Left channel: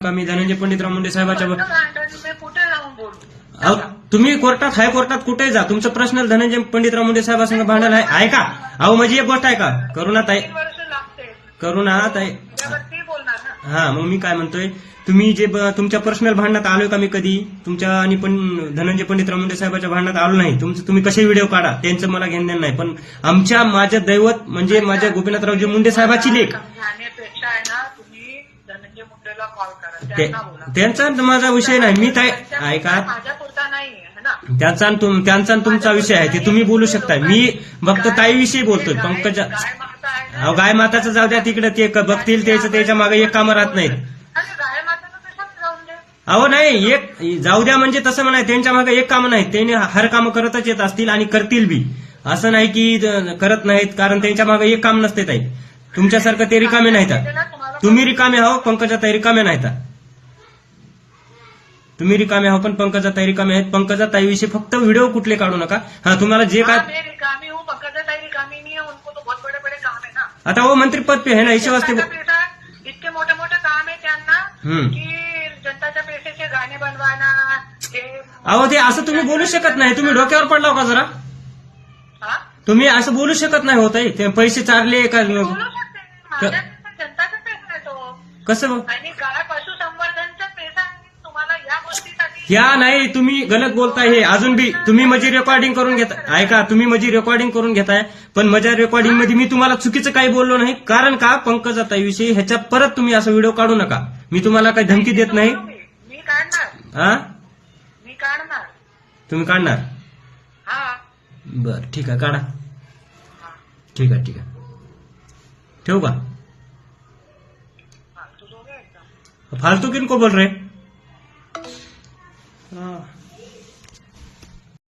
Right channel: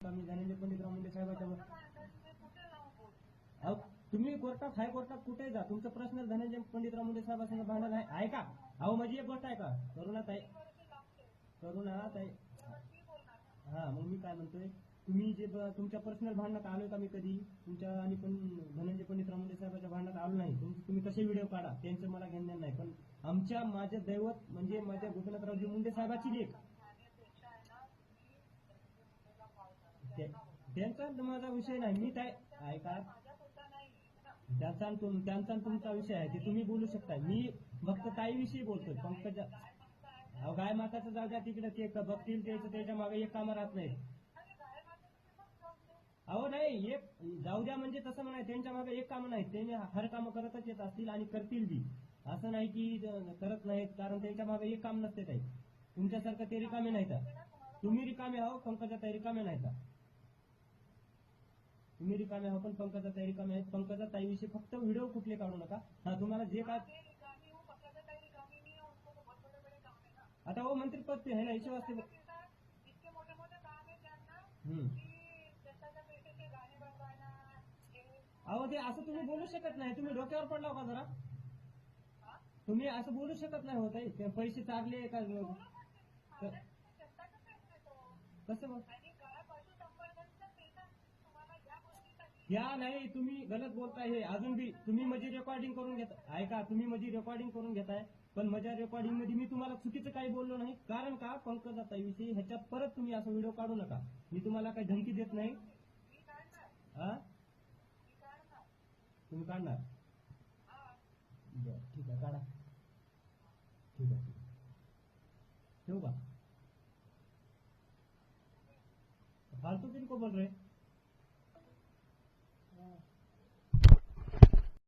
का मी धनंजय पंडितराव मुंडे साहेबाच्या मी कुठे जाऊन बोलू? अहो, तुम्ही कोर्टात हायकोर्टात कुठेही जा, तुमचं पर्सनल धनंजय पंडितराव मुंडे साहेबांसंग भांडण आहे का? अहो माझी एक गोष्ट आहे का, करुणाताई 3 वर्ष लागते. करुणाताई त्यावरती बोलणार ना. हा मग मी काय म्हणतोय, तुम्ही जे तुमच्या पर्सनल भांडणात आलोय का मी कधी? तुमच्या आणि पण धनंजय पंडितराव मुंडे साहेबाच्या भांडणात आलो नाही. तुम्ही कसे व्हिडिओ काढा त्यांचं मला घेणं देणं नाही, पण माझं दैवत म्हणजे माझ्या गोपीनाथरावजी मुंडे साहेबाची लेख समजावण्यापेक्षा आहे ना, तुम्ही धनंजय मुंडेला कॉल करा, त्यांना बोला. त्यांचा माझा विषय नाही. मी काय ऐका, माझ्या पुरता नाही आहे ना. त्यांचा आणि तुमचा विषय आहे ते तुम्ही बोलू शकता. मी फक्त ताईविषयी बोलतोय. पंकजा गाय माता आहे ना. अहो गाय माताचं जाऊ द्या तिकडे, ते बघतील त्याच्या मागे एक कामं राहत नाहीत. अरे गाय माताचं कशाला जाऊन दे. अहो नाही, एक जाऊ द्या म्हणजे तसं म्हणाय, त्यांच्या मागे एक कामं नाहीत. त्यांनी हर कामं करतच येत असतील आणि करतील बी, असं नाही की करत नाहीत, कारण त्यांच्या मागे एक काम नसते ताई. तुमच्यासारखं ते रिकामे नाहीत. तुम्ही रिकामे आहो, पंकजाताई रिकामे नाहीत. तुम्ही रिकामे आहो पण पंकजाताई रिकामे आहेत. पंकजाताईविषयी फक्त व्हिडिओ कुठले काढू नका. हा तुम्हाला जे काय मैं रिकामी हूँ, पंकजाताई रिकामी नहीं है, उनको तो बहुत बड़े बड़े काम है ना. आता वो मंत्री पद पे है ना, इसे वास्ते इतके मोठे मोठे काम आहे त्यांना हम्म. की जनताच्या पैशाचे गाणे बनवाना. अहो ते असं तुम्ही बोलू शकत नाही. तुम्ही डोक्यावर पडला का जरा? हा? तुम्ही असं बोलू शकत नाही होत. ते पैसे चारले का बोलू शकते. माझ्या जनताचा पैसा आहे तो. कसं आणि गाय पशुसंवर्धनचा पैसा आहे. तुम्हाला या गोष्टीसाठी या नाही, तुम्ही गलत बोलताय. हे अजून बी तुम्ही माझी रेकॉर्डिंग करून घेताय. ऐका, तुम्ही माझी रेकॉर्डिंग करून घेताय, पण माझ्या रेकॉर्डिंग मध्ये मी तुम्हाला चुकीचं काही बोललो नाही. कारण का, पंकजाताईविषयी ह्याच्या परत तुम्ही असं व्हिडिओ काढू नका. मी तुम्हाला काही धमकी देत नाही. मी काढणार. हा, मी काढणार. तुम्ही काढणार? हा. बर ठीक आहे, काढा. ठीक आहे ठेवू का? तू दोघे एकदम फालतू किनको बोल रहे? हाँ